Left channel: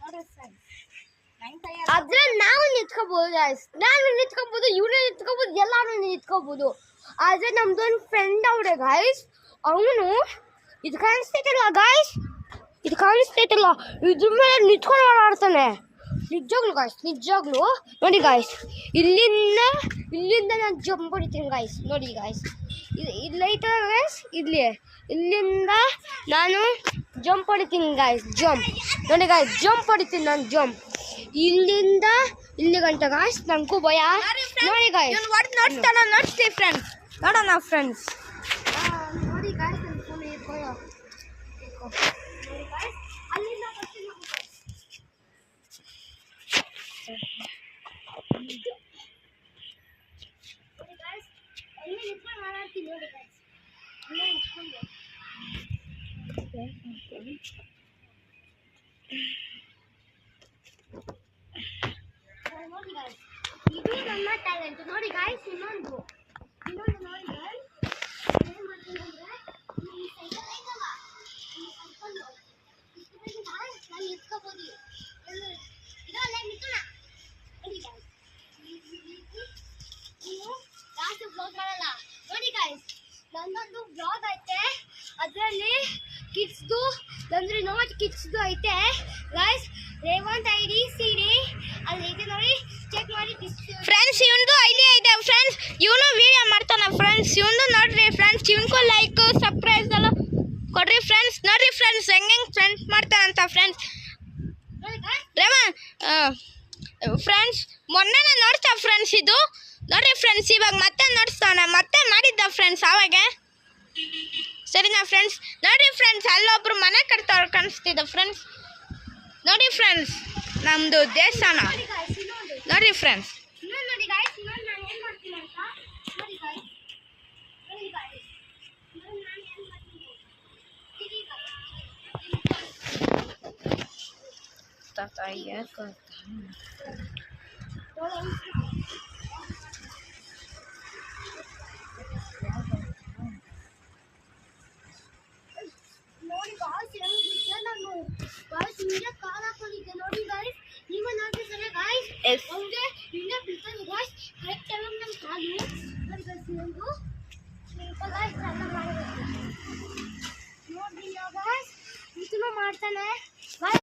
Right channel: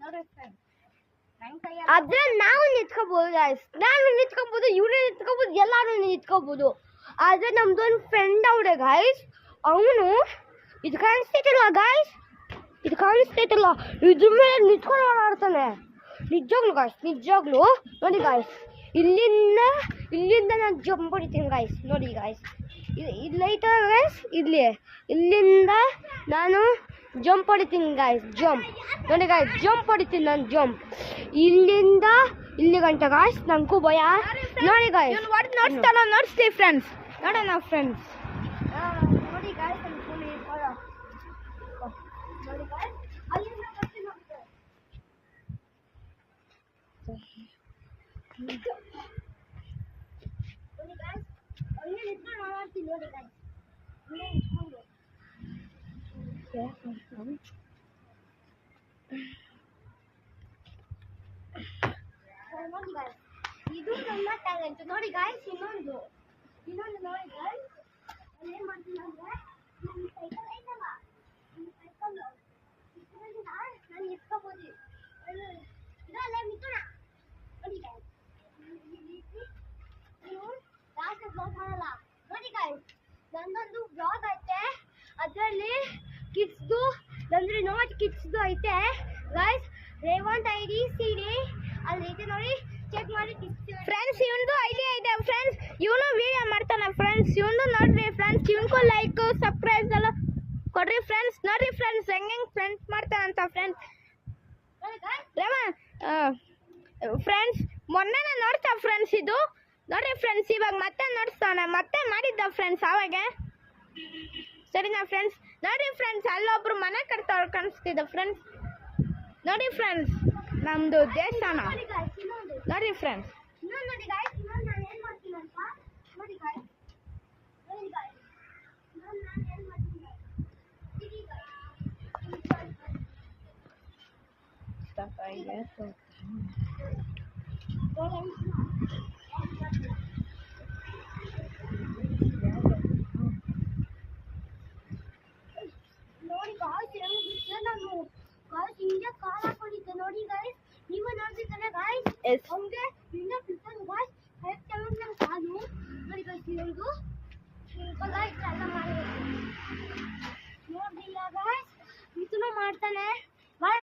ನೋಡ್ರಿ ಫ್ರೆಂಡ್ಸ್ ಆದ್ರೆ ನಾವು ನಿಂತ್ಕೋಬಹುದು ಗಾಯ್ಸ್. ನಾನು ನಿಂತ್ಕೋಬಹುದು, ಇವನು ನಿಂತ್ಕೋಬಹುದು, ಎಲ್ಲಾರು ನಿಂತ್ಕೋಬಹುದು. ಆದ್ರೆ ನಮ್ದು ಒಂದು ಫ್ರೆಂಡ್ ಅವ್ರೆ ಗಾಯ್ಸ್, ಅವನು ಇದು ಕಾಣಿಸ್ತೈತಿಲ್ಲ ಗಾಯ್ಸ್, ಇದು ಕಾಣಿಸ್ತೈತಿಲ್ಲ, ಇದ್ರ ಮೇಲೆ ನಿಂತ್ಕೊಂಡು ಓಡಾಡ್ತಾನೆ. ನಿಜವಾಗ್ಲು ಗಾಯ್ಸ್, ನಿಜವಾಗ್ಲು ನೋಡಿ ಗಾಯ್ಸ್, ಇಲ್ಲಿಂದ ನಾನು ಜಂಪ್ ಹೊಡಿತೀನಿ ಗಾಯ್ಸ್. ನೋಡಿ ಗಾಯ್ಸ್, ಇಲ್ಲೈತೆ ಗಾಯ್ಸ್, ಇಲ್ಲಿಂದ ನಾನು ಜಂಪ್ ಹೊಡಿತೀನಿ ಗಾಯ್ಸ್. ಜಂಪ್ ನೋಡಿ ಗಾಯ್ಸ್, ಜಂಪ್ ಹೊಡಿತೀನಿ ನಾನು. ಜಂಪ್ ಇಲ್ಲಿಂದ ಇಲ್ಲಿ ಗಂಟ ಗಾಯ್ಸ್, ನನಗೂ ಭಯ. ನೋಡಿ ಗಾಯ್ಸ್, ನೋಡ್ತೀವಿ ಫ್ರೆಂಡ್ಸ್, ನೋಡೋಣ ಫ್ರೆಂಡ್ಸ್. ನೋಡಿ ಗಾಯ್ಸ್, ನನ್ನ ಫೋನ್ ನೋಡಿ ಗಾಯ್ಸ್, ಅಲ್ಲಿಂದ ಬರ್ತೀನಿ ನೋಡಿ ಗಾಯ್ಸ್, ಅಲ್ಲಿ ನಿಂತ್ಕೊಂಡು ಮಾತಾಡ್ತೀನಿ ನೋಡಿ ಗಾಯ್ಸ್, ಇಲ್ಲೇ ನಿಂತ್ಕೊಂಡು. ನೋಡಿ ಗಾಯ್ಸ್, ಇದು ನನ್ನ ಟ್ಯಾಲೆಂಟ್. ನೋಡಿ ಗಾಯ್ಸ್, ಇನ್ನೊಂದು ನೋಡಿ ಗಾಯ್ಸ್, ಏನು ಮಾಡ್ತೀನಿ ಅಂದರೆ, ಈ ಸೈಕಲ್ ಐತಲ್ಲ, ಈ ಸೈಕಲ್ಲು ಇಷ್ಟು ನಾನು ಎತ್ಕೋಬೋದು. ಇದಲ್ಲ ನಿಂತೋಣ. ನೋಡಿ ಗಾಯ್ಸ್, ನೀವು ಜಾಸ್ತಿ ಬ್ಲಾಗ್ ಮಾಡಲ್ಲ. ನೋಡಿ ಗಾಯ್ಸ್, ನನ್ನೊಂದು ಬ್ಲಾಗ್ ಐತೆ, ಅದರಲ್ಲಿ ಕಿಡ್ಸ್ದು ಅಂದರೆ ನಾಟ್ ಕಿಡ್ಸ್ದು ಐತೆ ಗಾಯ್ಸ್. ರೇವಂತ್ ID CD ಅಲ್ಲಿ ಐತೆ ನೋಡಿ, ಚೆಕ್ ಮಾಡಿ ಫ್ರೆಂಡ್ಸ್. ಇವನು ಐಡಿಯಾ ಇದೆ ಫ್ರೆಂಡ್ಸ್, ಇವನು ವಿಡಿಯೋ ಮಾಡ್ತಾನೆ ಫ್ರೆಂಡ್ಸ್. ಇವನು ನೋಡ್ರಿ ಫ್ರೆಂಡ್ಸ್, ಇವನ್ಗೂ ಲೈಕ್ ಸಬ್ಸ್ಕ್ರೈಬ್ ಎಲ್ಲ ಕೊಡ್ರಿ ಫ್ರೆಂಡ್ಸ್. ನೋಡ್ರಿ ಫ್ರೆಂಡ್ಸ್, ಹೆಂಗೆ ಫ್ರೆಂಡ್ಸ್ ಮಾಡ್ತಾನಂತ ಫ್ರೆಂಡ್ಸ್. ಫ್ರೆಂಡ್ಸ್ ಮೊನ್ನೆ ನೋಡ್ತಾ ಫ್ರೆಂಡ್ಸ್, ಇದು ನೋಡ್ರಿ ಫ್ರೆಂಡ್ಸ್, ಇವಾಗ ಮತ್ತೆ ನೋಡಿಸ್ತಾನೆ, ಮತ್ತೆ ಮಾಡಿದ್ದ ಫ್ರೆಂಡ್ಸ್ ಆವಾಗ. ಸರಿನಾ ಫ್ರೆಂಡ್ಸ್? ನೋಡ್ರಿ ಫ್ರೆಂಡ್ಸ್, ಅಲ್ಲೊಬ್ರು ಮನೆ ಕಟ್ತವ್ರು ಕಾಣಿಸ್ತಿದ್ದ ಫ್ರೆಂಡ್ಸ್. ನೋಡಿ ಫ್ರೆಂಡ್ಸ್, ನಮ್ಮದು ದೇವಸ್ಥಾನ ನೋಡ್ರಿ ಫ್ರೆಂಡ್ಸ್. ನೋಡಿ ಗಾಯ್ಸ್, ಇನ್ನೊಂದು ನಾನು ಏನು ಮಾಡ್ತೀನಿ ಅಂತ ನೋಡಿ ಗಾಯ್ಸ್. ನೋಡಿ ಗಾಯ್ಸ್, ಇನ್ನೊಂದು ನಾನು ಏನು ಮಾಡ್ತೀನಿ ನೋಡಿ ಗಾಯ್ಸ್.